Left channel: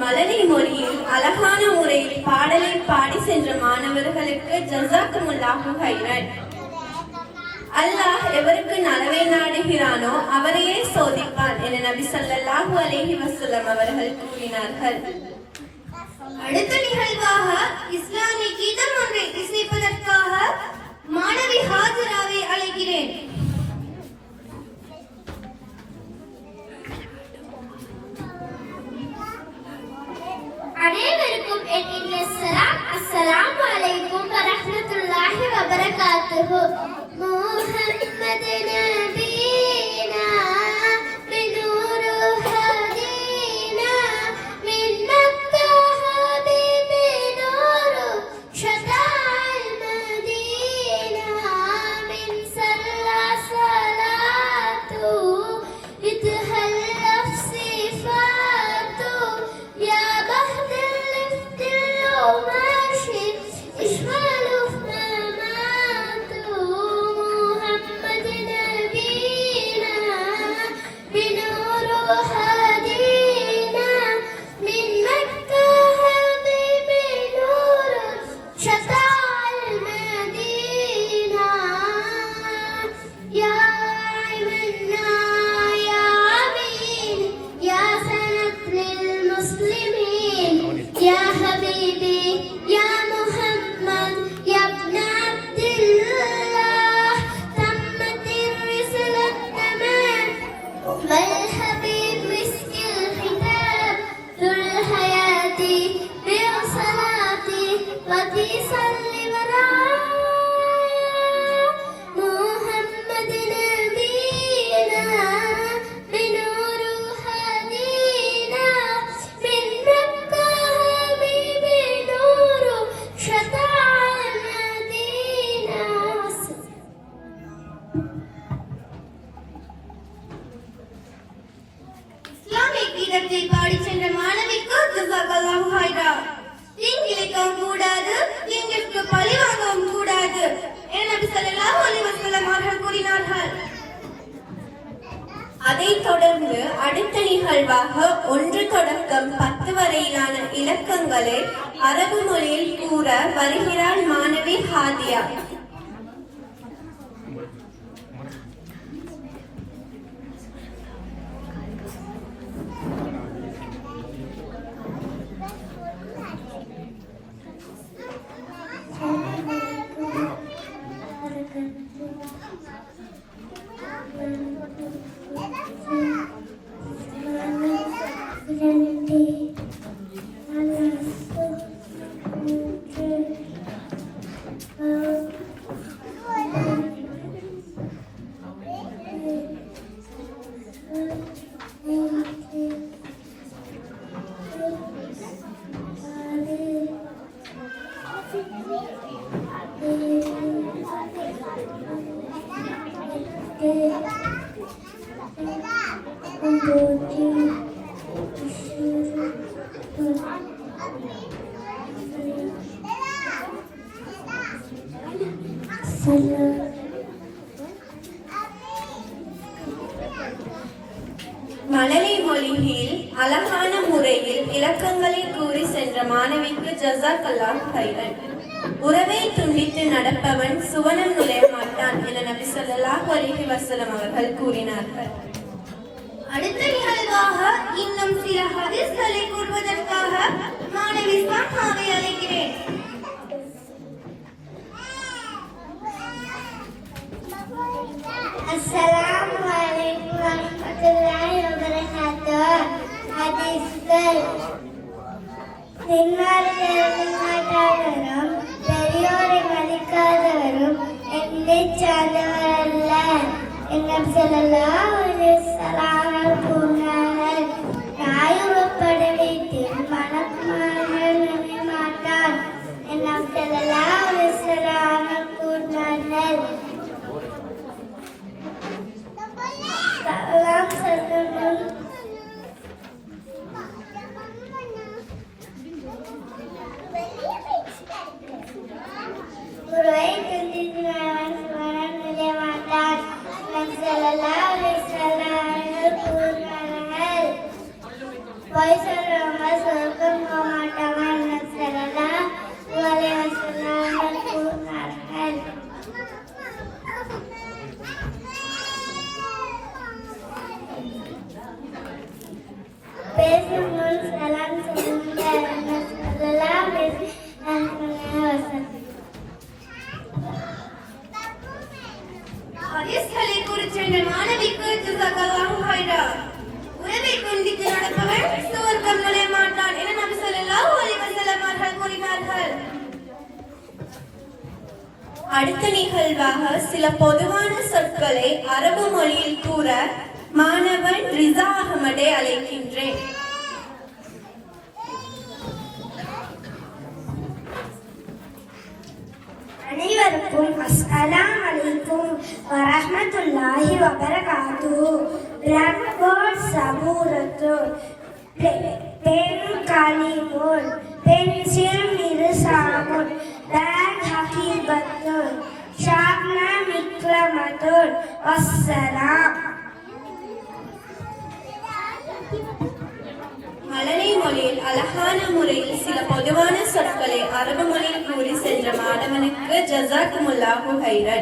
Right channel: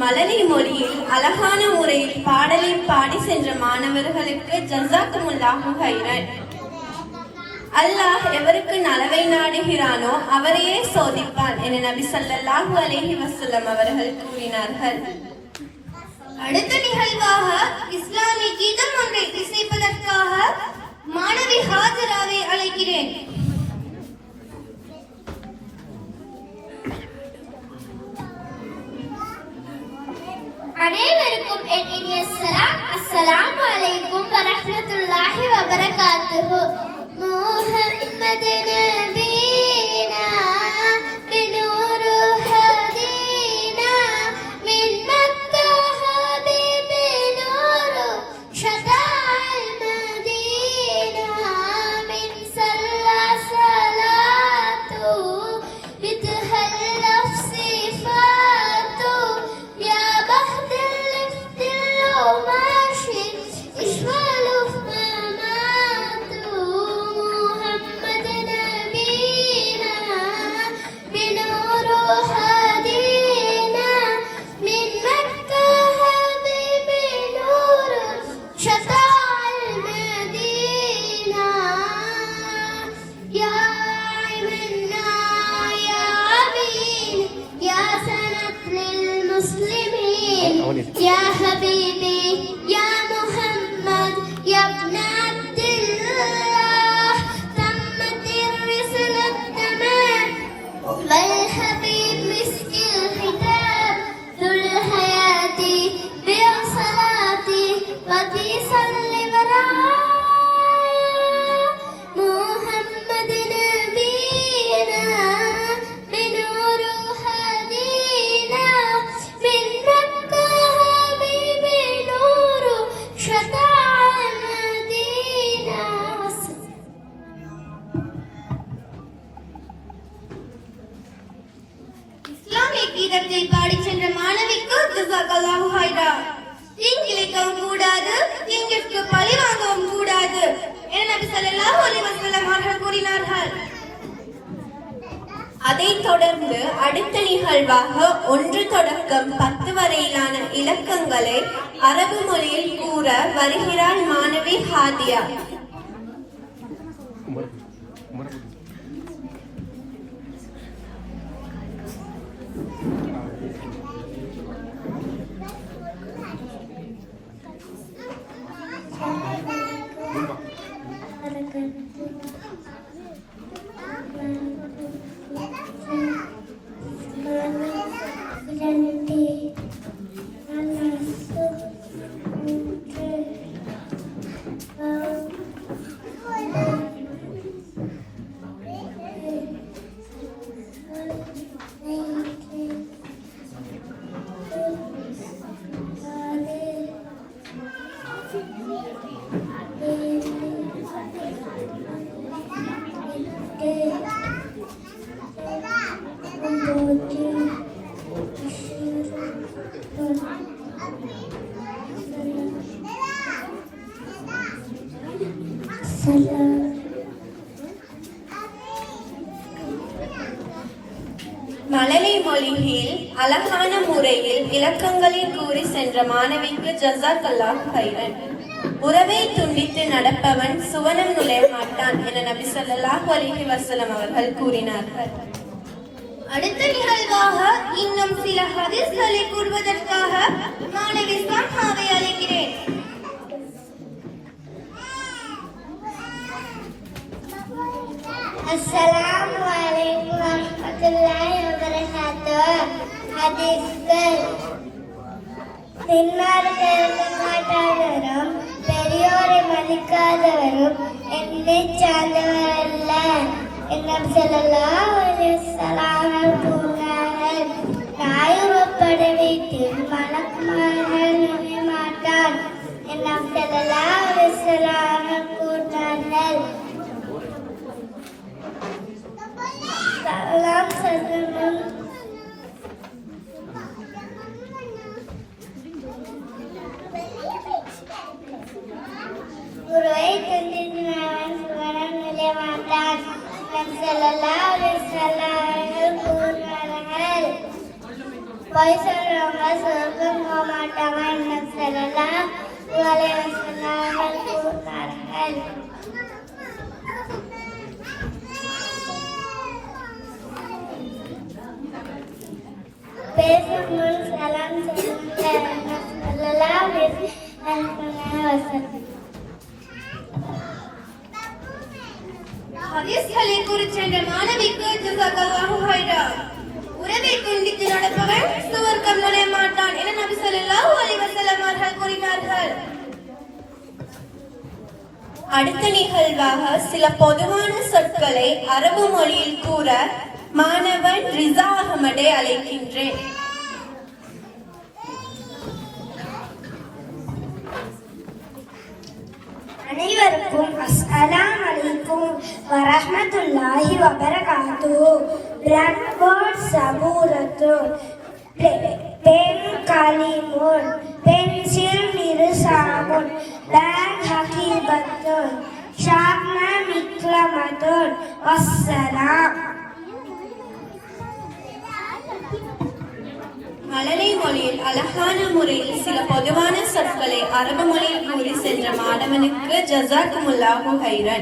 மலரி மொழியில் அழகான முறையில் பாடலை பாடி சென்ற மாணவர்களுக்கு ஜஸாக்குமுல்லாஹு ஹைரன். அல்லாஹ் எவருக்கு நலவை நாடுகிறானோ அவரையே சோதிப்பான் என நபி ஸல்லல்லாஹு அலைஹி வஸல்லம் அவர்கள் கூறினார்கள். அடுத்த நிகழ்வாக இஸ்லாமிய கீதம் ஒன்றை இசைப்பதற்காக மாணவி ஹாஜராவை அழைக்கிறேன். அனைவருக்கும் என் இனிய சலாம். அஸ்ஸலாமு அலைக்கும் வரஹ்மத்துல்லாஹி வபரகாத்துஹு. முஹம்மது நபீனா பினூரு ஹதீனா மின் மக்கா ஹபீபி நூரு ஷதால் மதீனா மின் சல்லா ஸலாத்து இத்ஹல் நஃப்ஸி ஃபாத்து யா பஹ்தல் இஃப்தில் மாஷி இஷ்மலு கீதத்தை பாடி சென்ற மாணவிக்கு ஜஸாக்கல்லாஹு ஹைரன். தீங்கிழைக்கவும் கூடாது, தீங்கிற்கு பழி வாங்கவும் கூடாது என நபி ஸல்லல்லாஹு அலைஹி வஸல்லம் அவர்கள் கூறினார்கள். அதைத் தொடர்ந்து அடுத்த நிகழ்வாக 1 தொடக்கம் 10 வரையிலான இலக்கங்களை அரபு மொழியில் கூற வருகிறார் மாணவி ஹாதியா. மலரி மொழியில் அழகான முறையில் இலக்கங்களை கூறி சென்ற மாணவிக்கு ஜஸாக்கல்லாஹு ஹைரன். உறவை துண்டித்து நடப்பவன் சுவனம் நுழைய மாட்டான் என நபி ஸல்லல்லாஹு அலைஹி வஸல்லம் அவர்கள் கூறினார்கள். அடுத்த நிகழ்வாக இன்னும் சில ஹதீஸ்களை கூறுவதற்காக மாணவி சாஹாவை அழைக்கிறேன். அஸ்ஸலாமு அலைக்கும் வரஹ்மத்துல்லாஹி வபரகாத்துஹு. ஹதீஸ்கள் மாட்டாதவரும் பெரியோரை மதிக்காதவரும் என்னை சார்ந்தவரல்ல என ஸல்லல்லாஹு அலைஹி வஸல்லம் கூறினார்கள். தாயுறப்பட வீட்டில் மலக்குமார்கள் நுழைய மாட்டார் என ஸல்லல்லாஹு அலைஹி வஸல்லம் கூறினார்கள். பொய் சொல்றவங்க சொர்க்கம் போக மாட்டாங்க என்று ஸல்லல்லாஹு அலைஹி வஸல்லம் கூறினார்கள். பேசும் முன் சலாம் சொல்லுங்கள் என்று ஸல்லல்லாஹு அலைஹி வஸல்லம். ஹதீஸ்களை குறிச்சென்ற மாணவிக்கு ஜஸாக்கல்லாஹு ஹைரா. உறவை துண்டித்து நடப்பவன் சுவர்க்கம் நுழைய மாட்டான் என நபி ஸல்லல்லாஹு அலைஹி வஸல்லம் அவர்கள் கூறினார்கள். அடுத்த நிகழ்வாக சில பொதுவான சொற்களை அரபு மொழியில் கூற மாணவன் ரிசா அகமதை அழைக்கின்றேன். அனைவருக்கும் அஸ்ஸலாமு அலைக்கும் வரஹ்மத்துல்லாஹி வபரகாத்துஹு. பிளாக்போர்ட் சபூரத்துன் பென் கலிமுன் பென்சில் மிர்சாமுன் பேக் ஹகீபத்துன் ஷாப்ன மிக்ரமத்துன் வஸ்ஸலாம். மழலை மொழியில் அழகான முறையில் சில பொதுவான சொற்களை அரபு மொழியில் கூறி சென்ற மாணவனுக்கு ஜஸாக்குமுல்லாஹு ஹைரன்.